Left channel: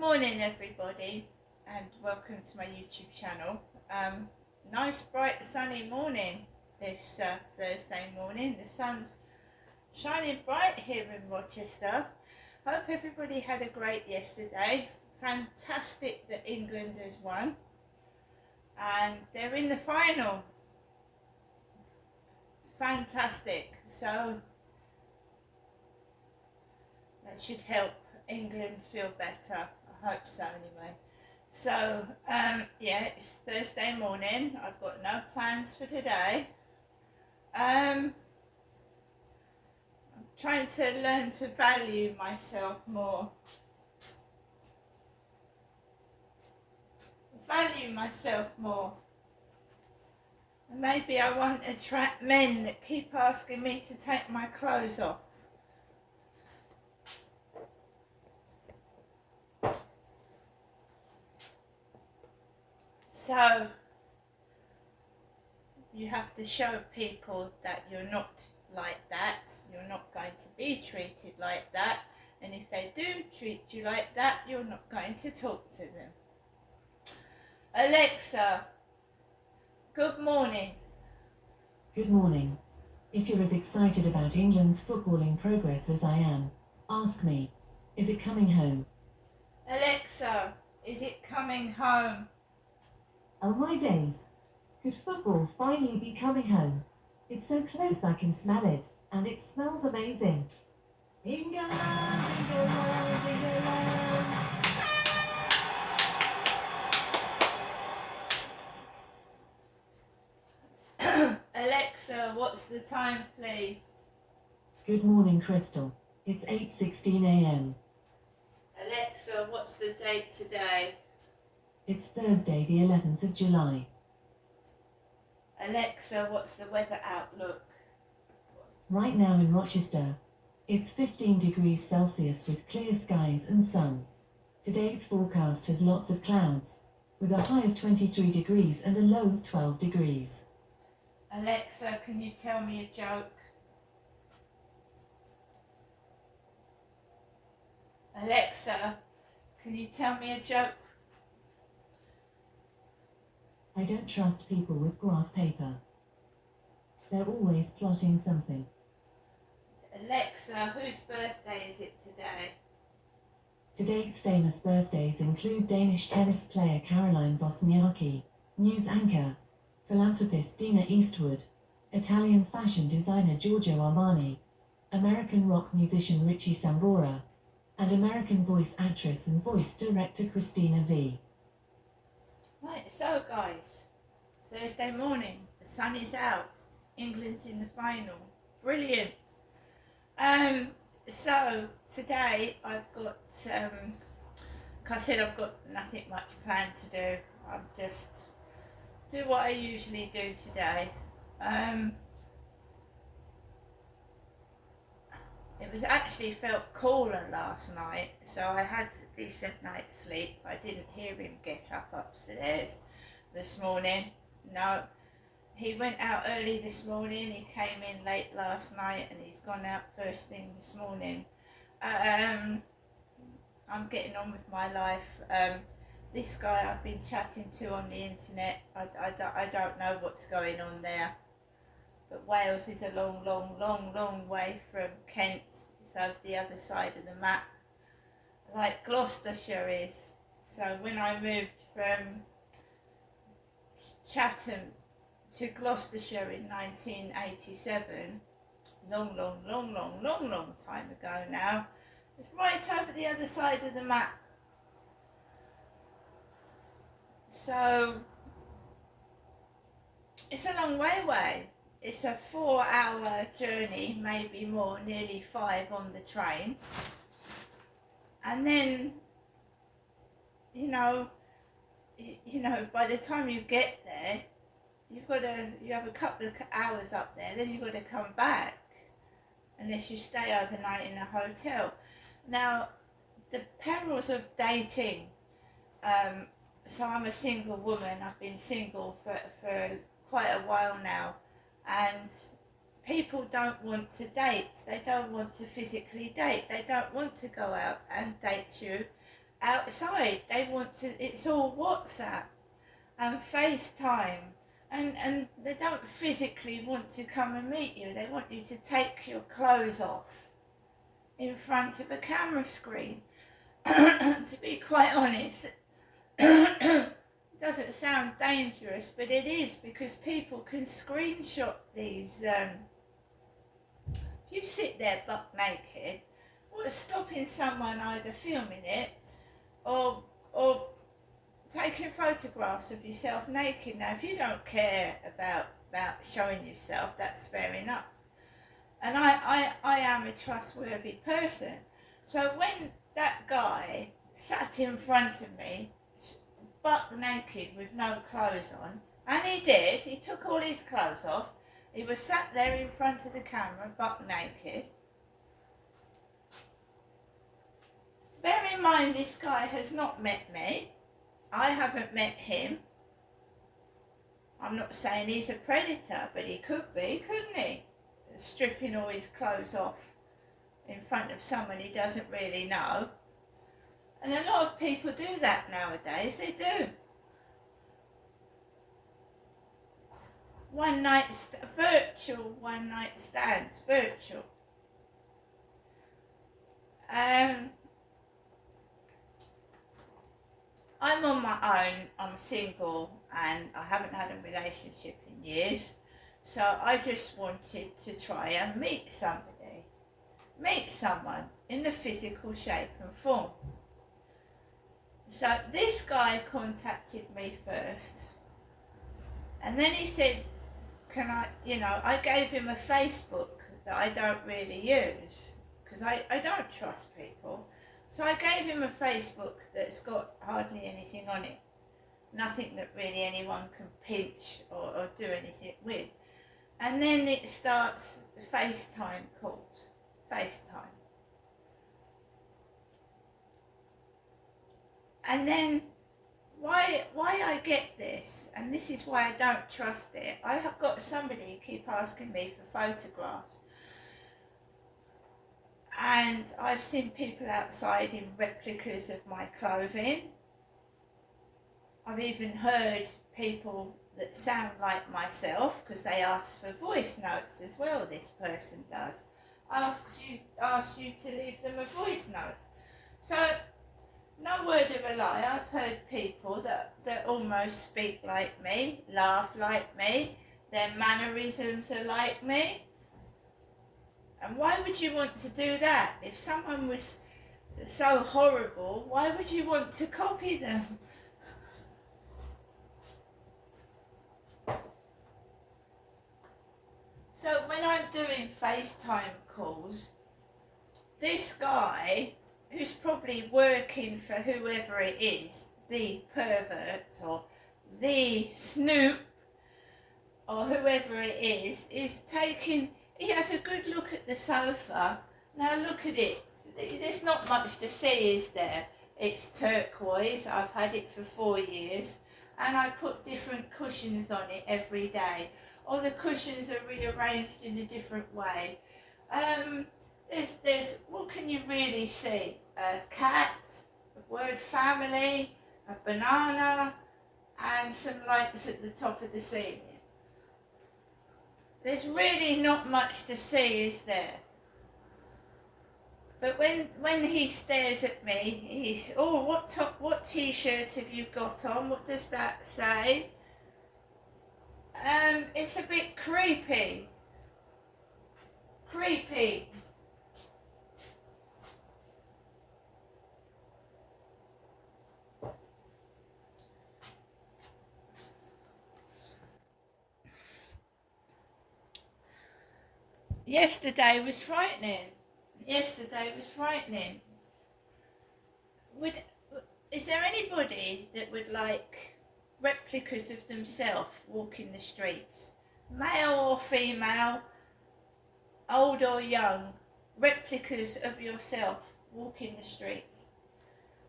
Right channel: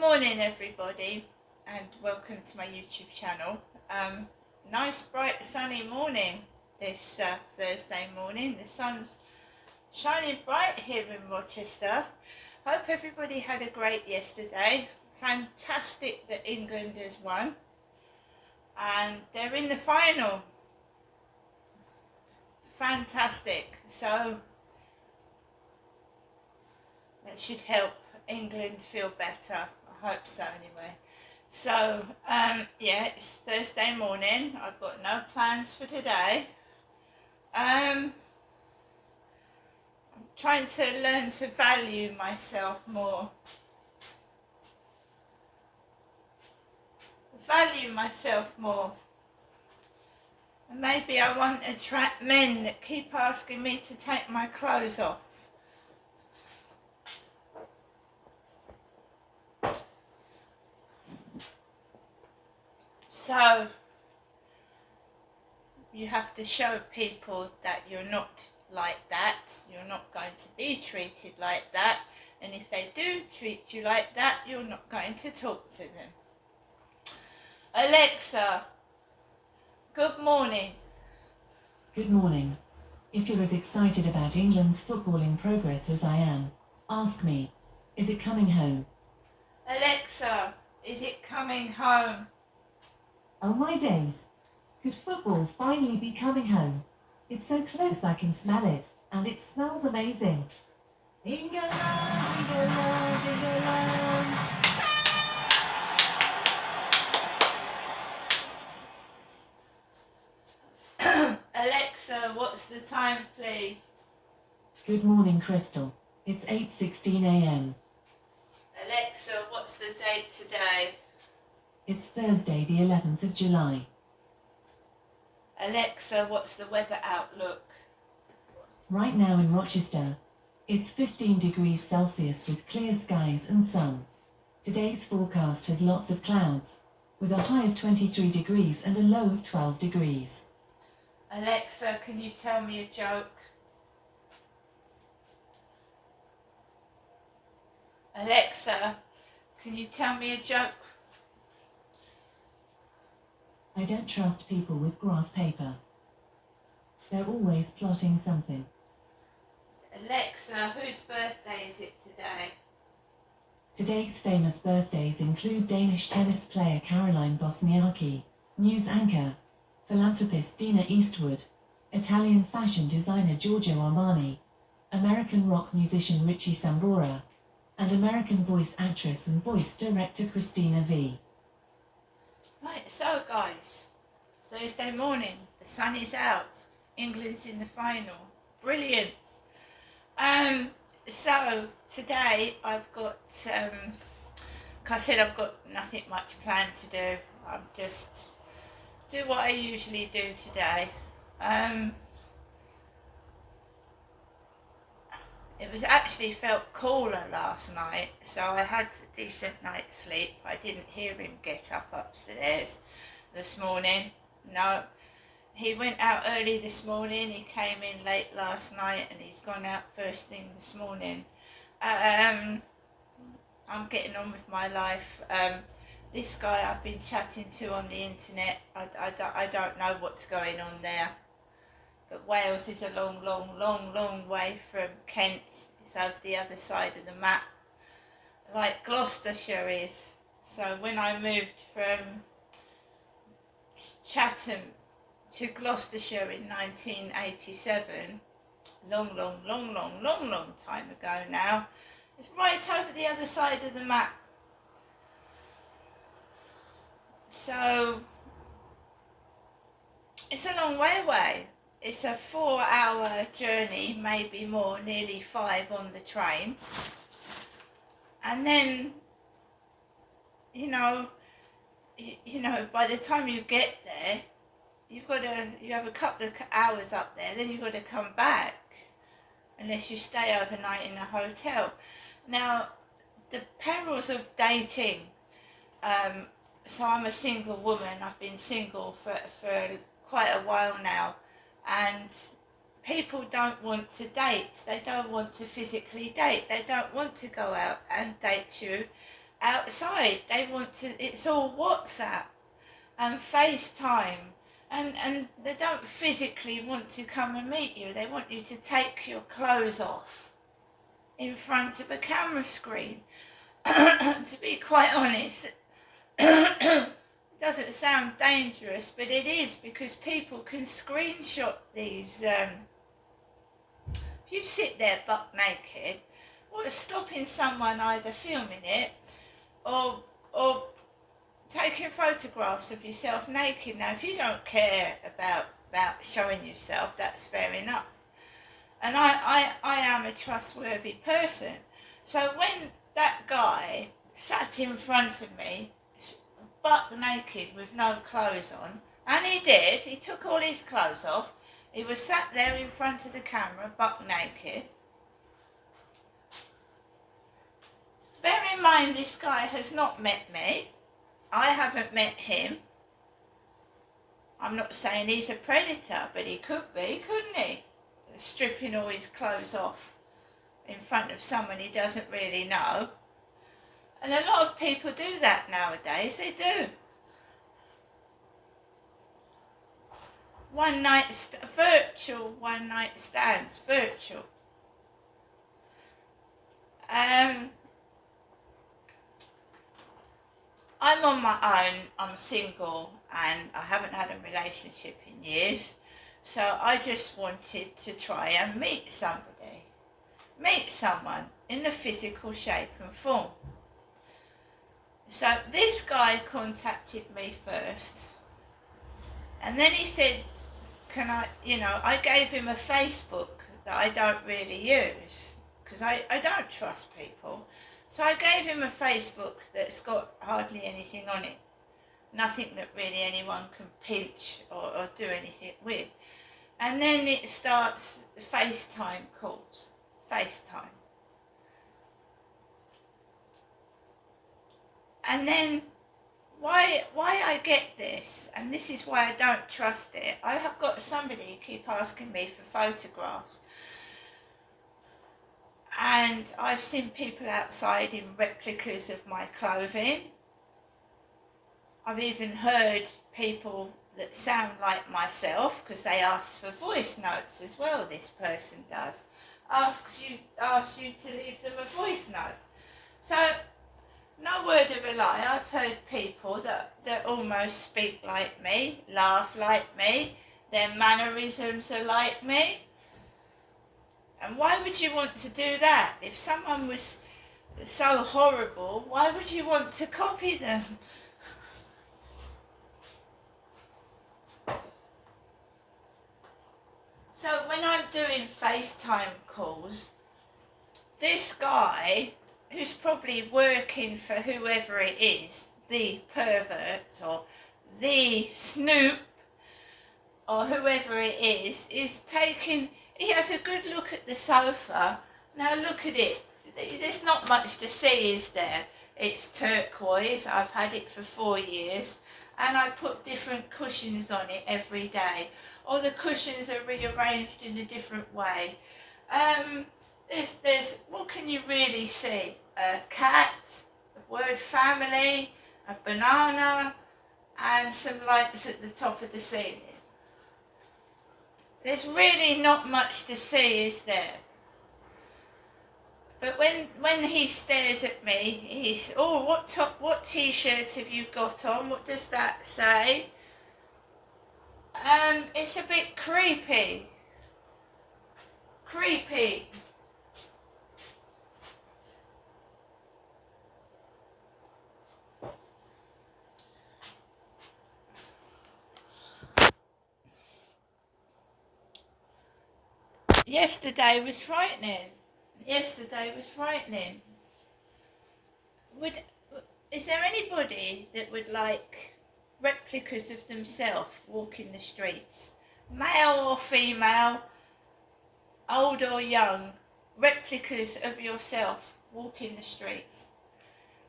morning everybody, and welcome to my YouTube channel. Nice bright sunny morning this Thursday morning. The sun's shining bright here in Rochester. Hope everybody had a great yesterday. Fantastic that England has won and they're in the final. Fantastic. So that should help England feel better. I hope so anyway. So yeah, it's Thursday morning. I've got no plans for today. I'm trying to learn to value myself more. Value myself more. And maybe I won't attract men that keep asking me to take my clothes off. So you have to show people that you're not like that, you're not going to be treated like that, and if they do treat you like that, you're not going to talk to them. Alexa, good morning. Good morning. If you're as excited about England's footballing progress as I am, ask me, is it coming home? Alexa, is it coming home? Oh my days. Could football finally be coming home? It's so close I can smell it, and it smells amazing. England, England, England. Alexa, what's the time, please? Good morning, Crystal. It's 8:16 a.m. Alexa, what's the date today? It's Thursday, the 11th of July. Alexa, what's the weather outlook? Right now in Rochester, it's 15 degrees Celsius with clear skies and sun. Today's forecast has lots of clouds, with a high of 23 degrees and a low of 12 degrees. Alexa, can you tell me a joke? Alexa, can you tell me a joke? I don't trust people with graph paper. They're always plotting something. Alexa, whose birthday is it today? Today's famous birthdays include Danish tennis player Caroline Wozniacki, news anchor, philanthropist Dina Eastwood, Italian fashion designer Giorgio Armani, American rock musician Richie Sambora, and American voice actress and voice director Christina V. Right, so guys, it's Thursday morning, the sun is out, England's in the final, brilliant. So today I've got, like I said, I've got nothing much planned to do. I'm just do what I usually do today. It was actually felt cooler last night, so I had a decent night's sleep. I didn't hear him get up upstairs this morning. No, he went out early this morning. He came in late last night and he's gone out first thing this morning. I'm getting on with my life. This guy I've been chatting to on the internet, I don't know what's going on there. But Wales is a long way from Kent. It's over the other side of the map, like Gloucestershire is. So when I moved from Chatham to Gloucestershire in 1987, long time ago now, it's right over the other side of the map. So it's a long way away. It's a 4-hour journey, maybe more, nearly 5 on the train. And then, you know, by the time you get there, you have a couple of hours up there, then you've got to come back, unless you stay overnight in a hotel. Now, the perils of dating, so I'm a single woman, I've been single for quite a while now, and people don't want to date, they don't want to physically date, they don't want to go out and date you outside. They want to, it's all WhatsApp and FaceTime. And they don't physically want to come and meet you. They want you to take your clothes off in front of a camera screen. To be quite honest, it doesn't sound dangerous, but it is, because people can screenshot these. If you sit there buck naked, what's stopping someone either filming it or taking photographs of yourself naked? Now, if you don't care about showing yourself, that's fair enough. And I am a trustworthy person. So when that guy sat in front of me, buck naked with no clothes on, and he did, he took all his clothes off, he was sat there in front of the camera, buck naked. Bear in mind, this guy has not met me. I haven't met him. I'm not saying he's a predator, but he could be, couldn't he? Stripping all his clothes off in front of someone he doesn't really know. And a lot of people do that nowadays, they do. Virtual one night stands, virtual. I'm on my own, I'm single, and I haven't had a relationship in years, so I just wanted to try and meet someone in the physical shape and form. So this guy contacted me first, and then he said, can I, I gave him a Facebook that I don't really use, because I don't trust people. So I gave him a Facebook that's got hardly anything on it. Nothing that really anyone can pinch or do anything with. And then it starts FaceTime calls. FaceTime. And then why I get this, and this is why I don't trust it, I have got somebody keep asking me for photographs. And I've seen people outside in replicas of my clothing. I've even heard people that sound like myself, because they ask for voice notes as well, this person does. Asks you to leave them a voice note. So, no word of a lie, I've heard people that almost speak like me, laugh like me, their mannerisms are like me. And why would you want to do that? If someone was so horrible, why would you want to copy them? So when I'm doing FaceTime calls, this guy, who's probably working for whoever it is, the pervert or the snoop or whoever it is taking... He has a good look at the sofa. Now look at it. There's not much to see, is there? It's turquoise. I've had it for 4 years. And I put different cushions on it every day. All the cushions are rearranged in a different way. There's what can you really see? A cat, a word family, a banana, and some lights at the top of the ceiling. There's really not much to see, is there? But when he stares at me, he's, oh, what t-shirt have you got on? What does that say? It's a bit creepy. Creepy. Yesterday was frightening. Is there anybody that would like replicas of themselves walking the streets? Male or female, old or young, replicas of yourself walking the streets.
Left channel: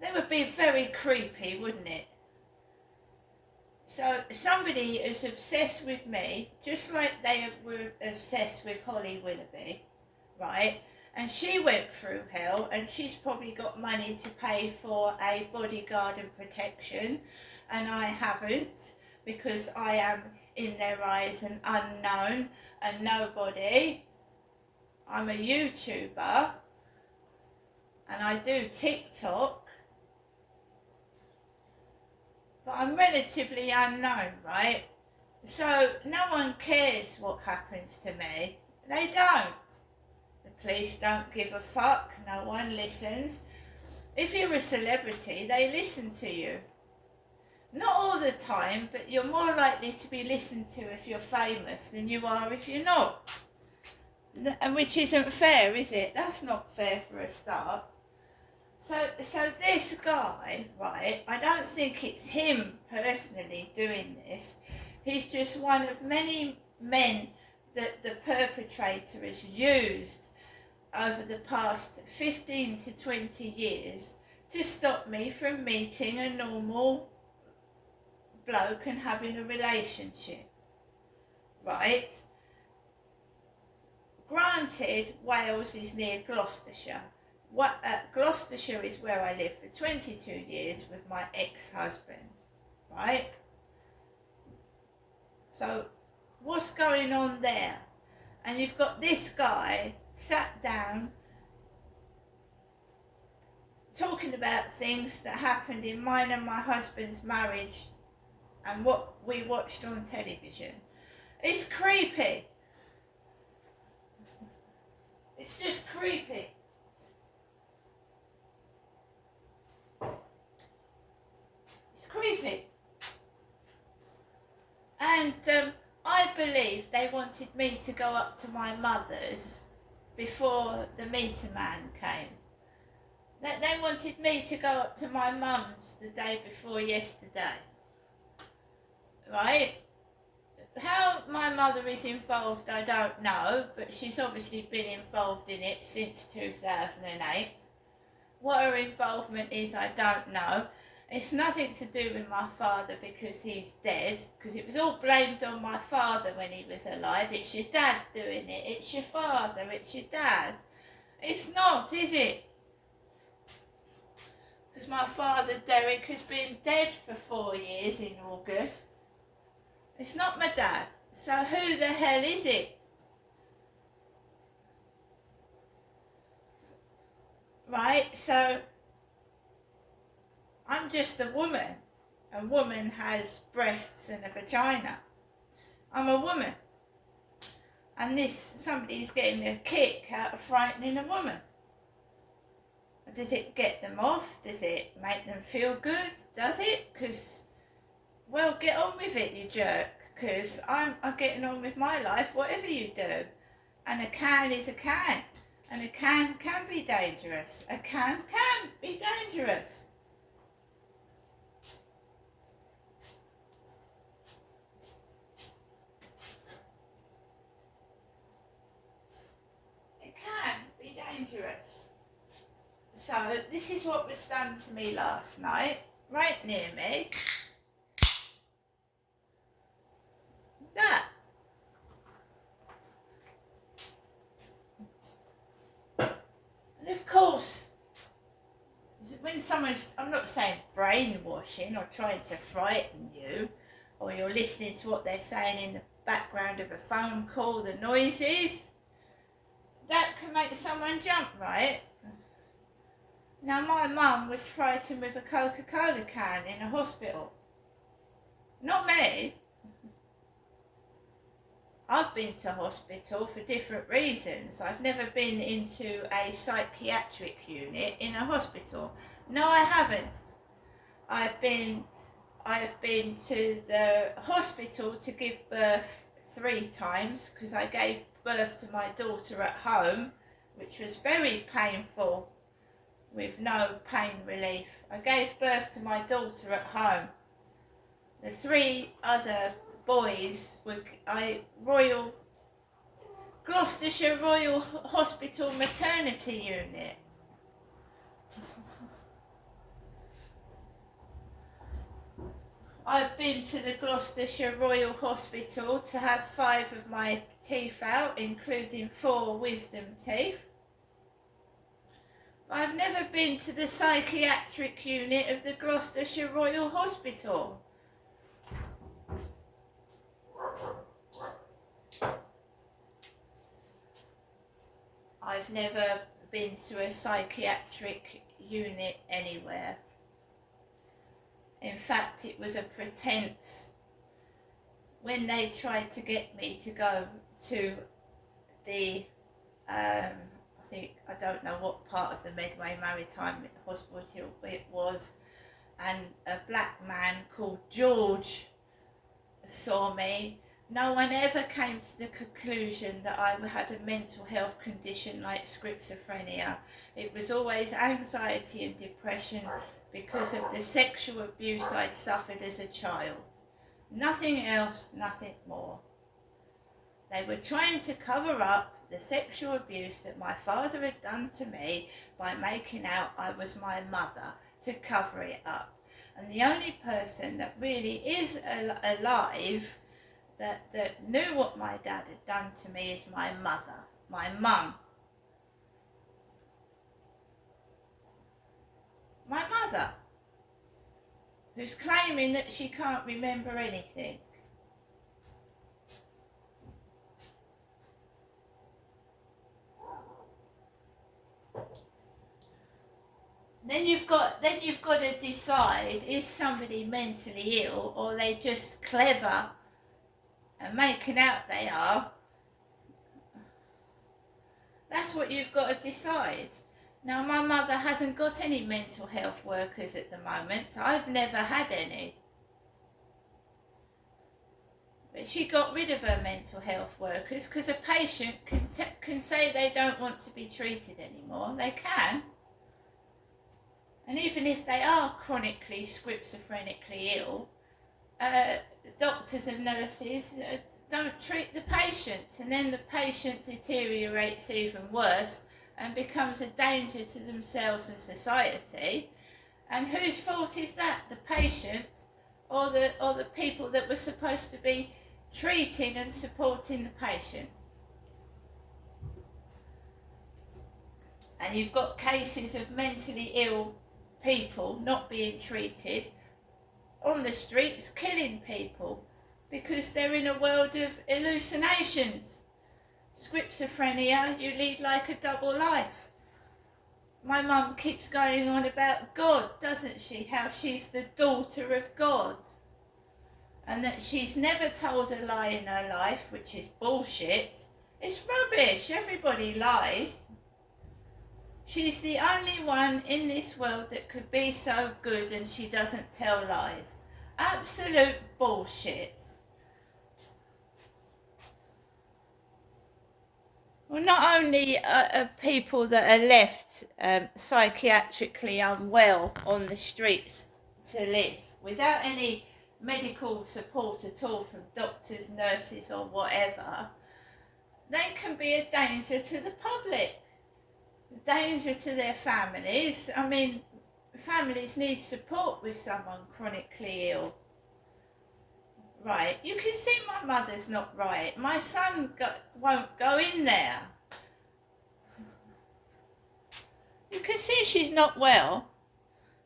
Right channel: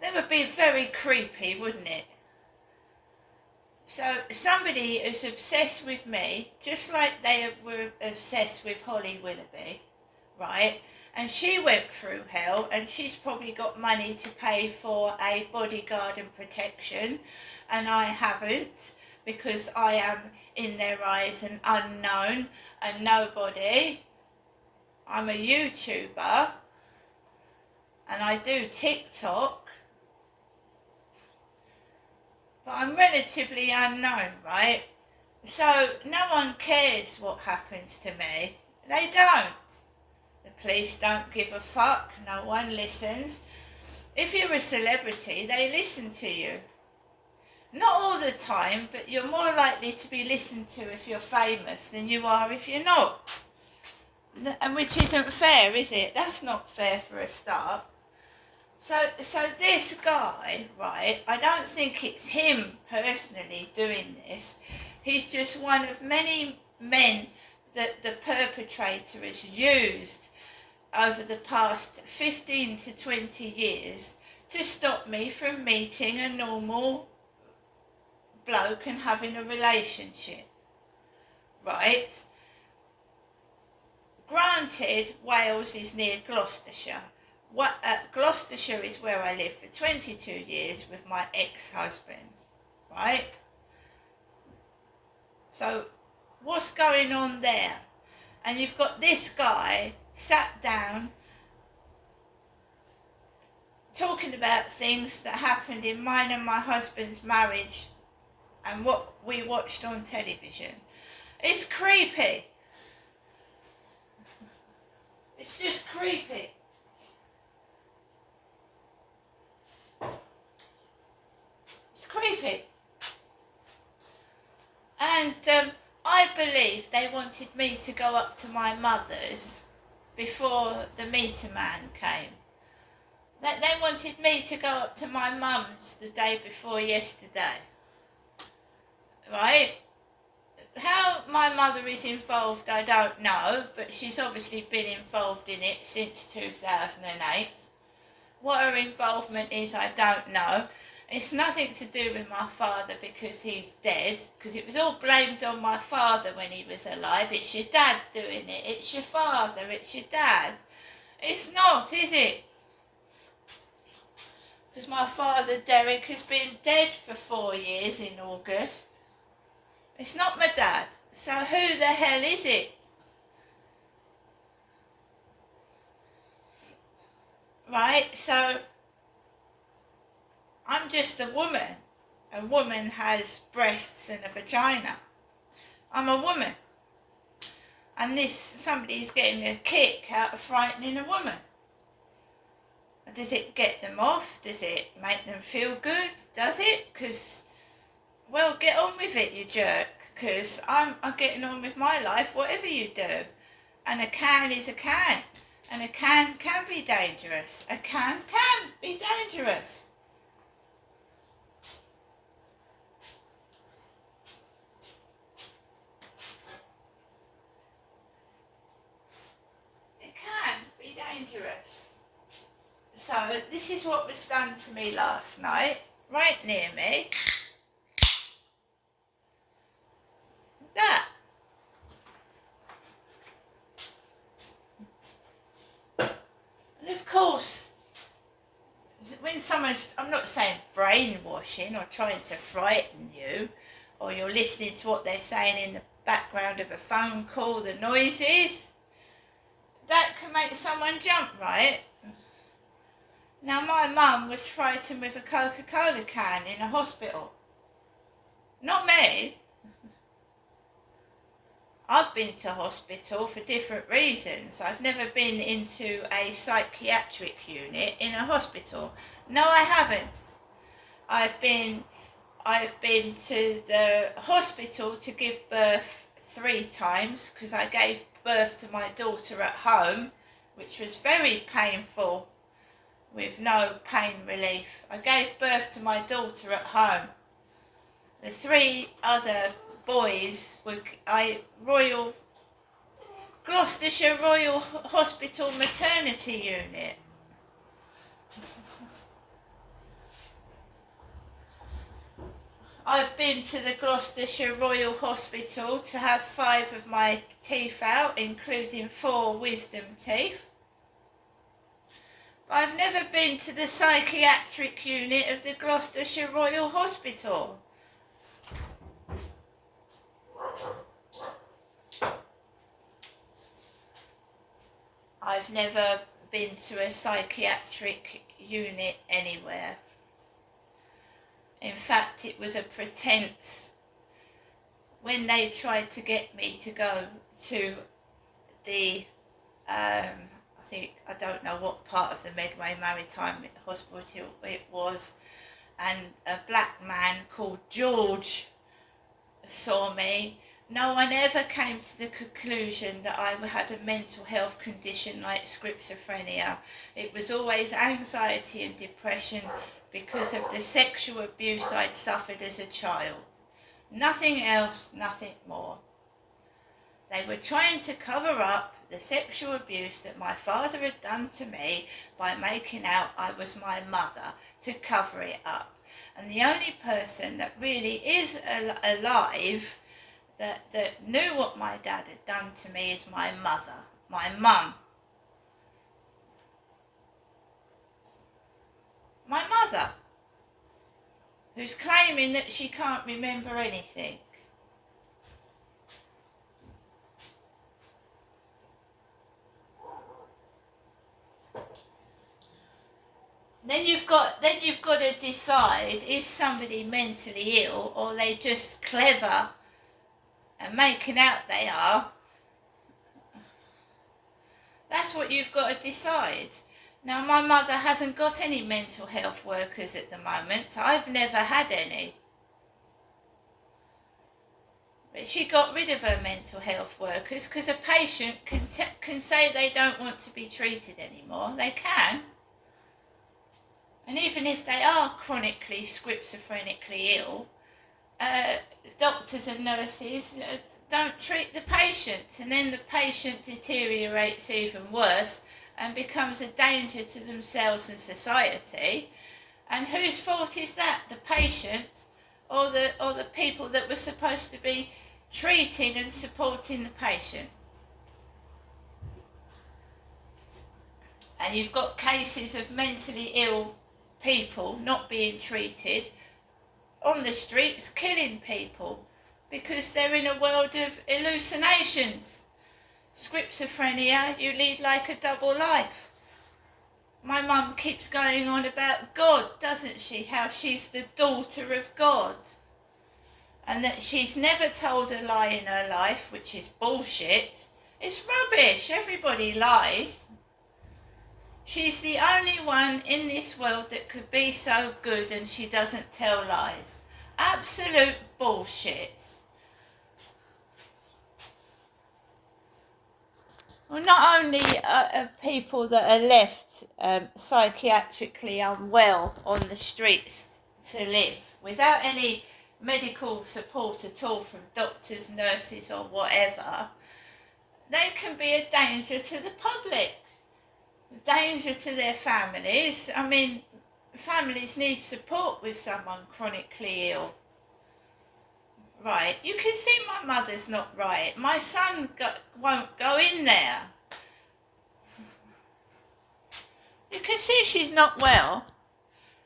That would be very creepy, wouldn't it? So somebody is obsessed with me, just like they were obsessed with Holly Willoughby, right? And she went through hell, and she's probably got money to pay for a bodyguard and protection, and I haven't, because I am in their eyes an unknown, a nobody. I'm a YouTuber, and I do TikTok, but I'm relatively unknown, right? So no one cares what happens to me. They don't. The police don't give a fuck. No one listens. If you're a celebrity, they listen to you. Not all the time, but you're more likely to be listened to if you're famous than you are if you're not. And which isn't fair, is it? That's not fair for a start. So this guy, right, I don't think it's him personally doing this. He's just one of many men that the perpetrator has used over the past 15 to 20 years to stop me from meeting a normal bloke and having a relationship, right? Granted, Wales is near Gloucestershire. Gloucestershire is where I lived for 22 years with my ex-husband, right? So what's going on there? And you've got this guy sat down talking about things that happened in mine and my husband's marriage and what we watched on television. It's creepy. It's just creepy. It's creepy. And I believe they wanted me to go up to my mother's before the meter man came. That they wanted me to go up to my mum's the day before yesterday. Right? How my mother is involved, I don't know, but she's obviously been involved in it since 2008. What her involvement is, I don't know. It's nothing to do with my father because he's dead, because it was all blamed on my father when he was alive. It's your dad doing it. It's your father. It's your dad. It's not, is it? Because my father, Derek, has been dead for 4 years in August. It's not my dad. So who the hell is it? Right, so I'm just a woman. A woman has breasts and a vagina. I'm a woman. And somebody's getting a kick out of frightening a woman. Does it get them off? Does it make them feel good? Does it? Because, well, get on with it, you jerk. Because I'm getting on with my life, whatever you do. And a can is a can. And a can be dangerous. A can be dangerous. It can be dangerous. So this is what was done to me last night, right near me. That. And of course, when someone's, I'm not saying brainwashing or trying to frighten you, or you're listening to what they're saying in the background of a phone call, the noises, that can make someone jump, right? Now, my mum was frightened with a Coca-Cola can in a hospital. Not me. I've been to hospital for different reasons. I've never been into a psychiatric unit in a hospital. No, I haven't. I've been to the hospital to give birth 3 times because I gave birth to my daughter at home, which was very painful with no pain relief. I gave birth to my daughter at home. The 3 other boys were Gloucestershire Royal Hospital Maternity Unit. I've been to the Gloucestershire Royal Hospital to have 5 of my teeth out, including 4 wisdom teeth. I've never been to the psychiatric unit of the Gloucestershire Royal Hospital. I've never been to a psychiatric unit anywhere. In fact, it was a pretense when they tried to get me to go to the, I don't know what part of the Medway Maritime Hospital it was, and a black man called George saw me. No one ever came to the conclusion that I had a mental health condition like schizophrenia. It was always anxiety and depression because of the sexual abuse I'd suffered as a child. Nothing else, nothing more. They were trying to cover up the sexual abuse that my father had done to me by making out I was my mother, to cover it up. And the only person that really is alive that knew what my dad had done to me is my mother, my mum. My mother, who's claiming that she can't remember anything. Then you've got to decide, is somebody mentally ill, or are they just clever and making out they are? That's what you've got to decide. Now, my mother hasn't got any mental health workers at the moment. I've never had any. But she got rid of her mental health workers because a patient can say they don't want to be treated anymore. They can. And even if they are chronically schizophrenically ill, doctors and nurses don't treat the patient, and then the patient deteriorates even worse and becomes a danger to themselves and society. And whose fault is that? The patient or the people that were supposed to be treating and supporting the patient? And you've got cases of mentally ill people not being treated on the streets, killing people because they're in a world of hallucinations. Schizophrenia, you lead like a double life. My mum keeps going on about God, doesn't she? How she's the daughter of God. And that she's never told a lie in her life, which is bullshit. It's rubbish. Everybody lies. She's the only one in this world that could be so good and she doesn't tell lies. Absolute bullshit. Well, not only are people that are left psychiatrically unwell on the streets to live without any medical support at all from doctors, nurses or whatever, they can be a danger to the public, a danger to their families. I mean, families need support with someone chronically ill. Right, you can see my mother's not right. My son won't go in there. You can see she's not well.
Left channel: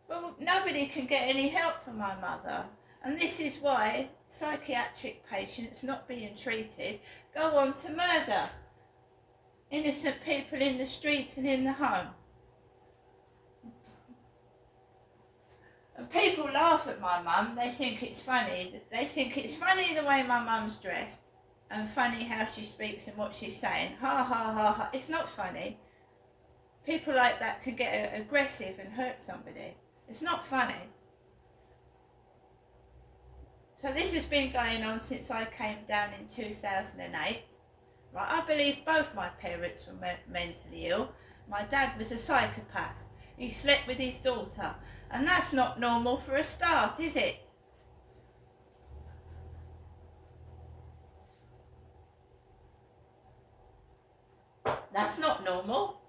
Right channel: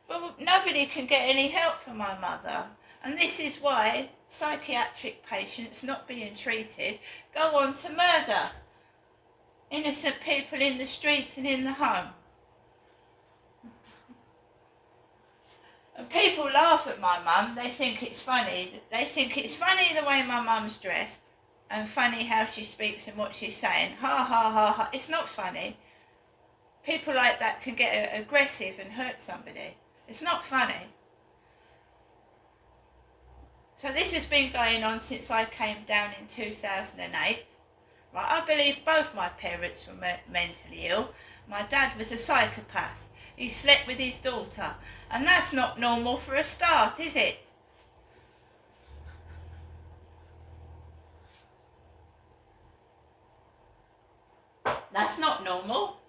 Well, nobody can get any help for my mother. And this is why psychiatric patients not being treated go on to murder innocent people in the street and in the home. And people laugh at my mum. They think it's funny. They think it's funny the way my mum's dressed and funny how she speaks and what she's saying. Ha ha ha ha. It's not funny. People like that can get aggressive and hurt somebody. It's not funny. So this has been going on since I came down in 2008. Right, I believe both my parents were mentally ill. My dad was a psychopath. He slept with his daughter. And that's not normal for a start, is it? That's not normal.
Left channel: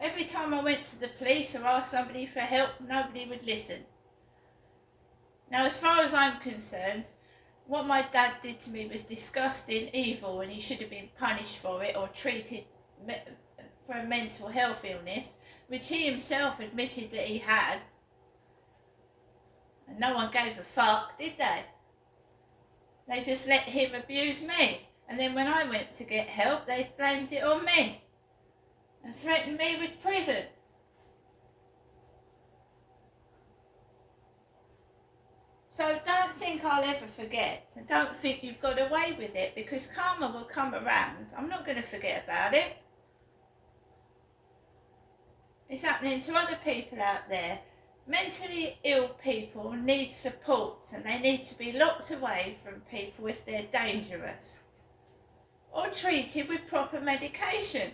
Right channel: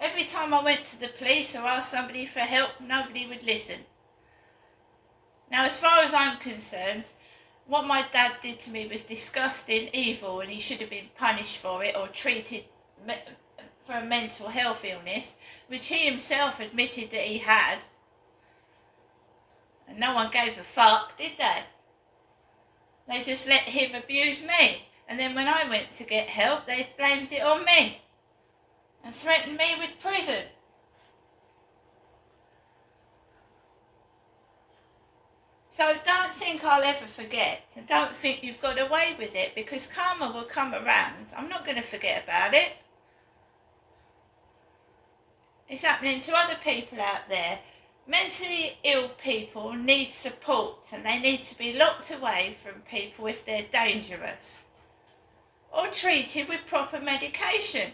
Every time I went to the police or asked somebody for help, nobody would listen. Now, as far as I'm concerned, what my dad did to me was disgusting, evil, and he should have been punished for it or treated for a mental health illness, which he himself admitted that he had. And no one gave a fuck, did they? They just let him abuse me. And then when I went to get help, they blamed it on me and threatened me with prison. So don't think I'll ever forget, and don't think you've got away with it, because karma will come around. I'm not going to forget about it. It's happening to other people out there. Mentally ill people need support, and they need to be locked away from people if they're dangerous, or treated with proper medication.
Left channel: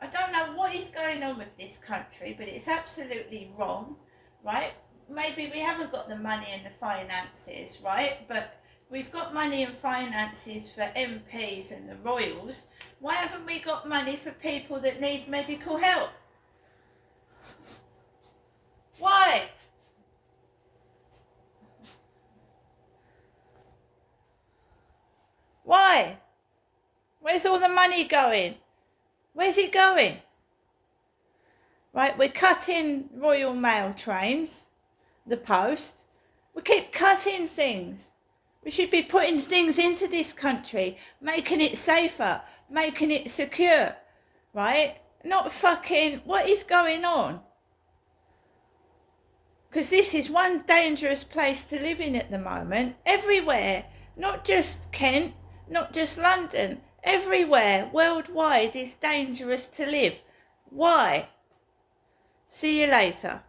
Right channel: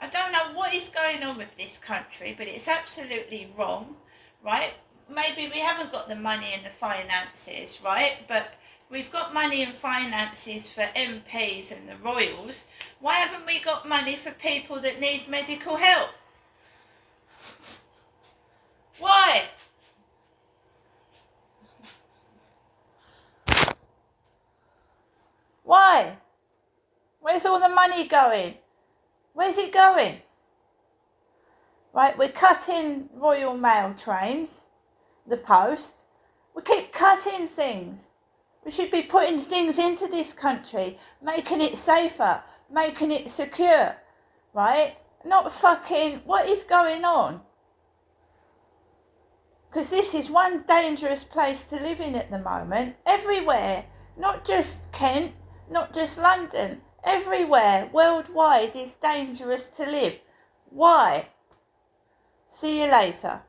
I don't know what is going on with this country, but it's absolutely wrong, right? Maybe we haven't got the money and the finances, right? But we've got money and finances for MPs and the royals. Why haven't we got money for people that need medical help? Why? Why? Where's all the money going? Where's it going? Right, we're cutting Royal Mail trains, the post. We keep cutting things. We should be putting things into this country, making it safer, making it secure, right? Not fucking, what is going on? Because this is one dangerous place to live in at the moment. Everywhere, not just Kent, not just London, everywhere, worldwide is dangerous to live. Why? See you later.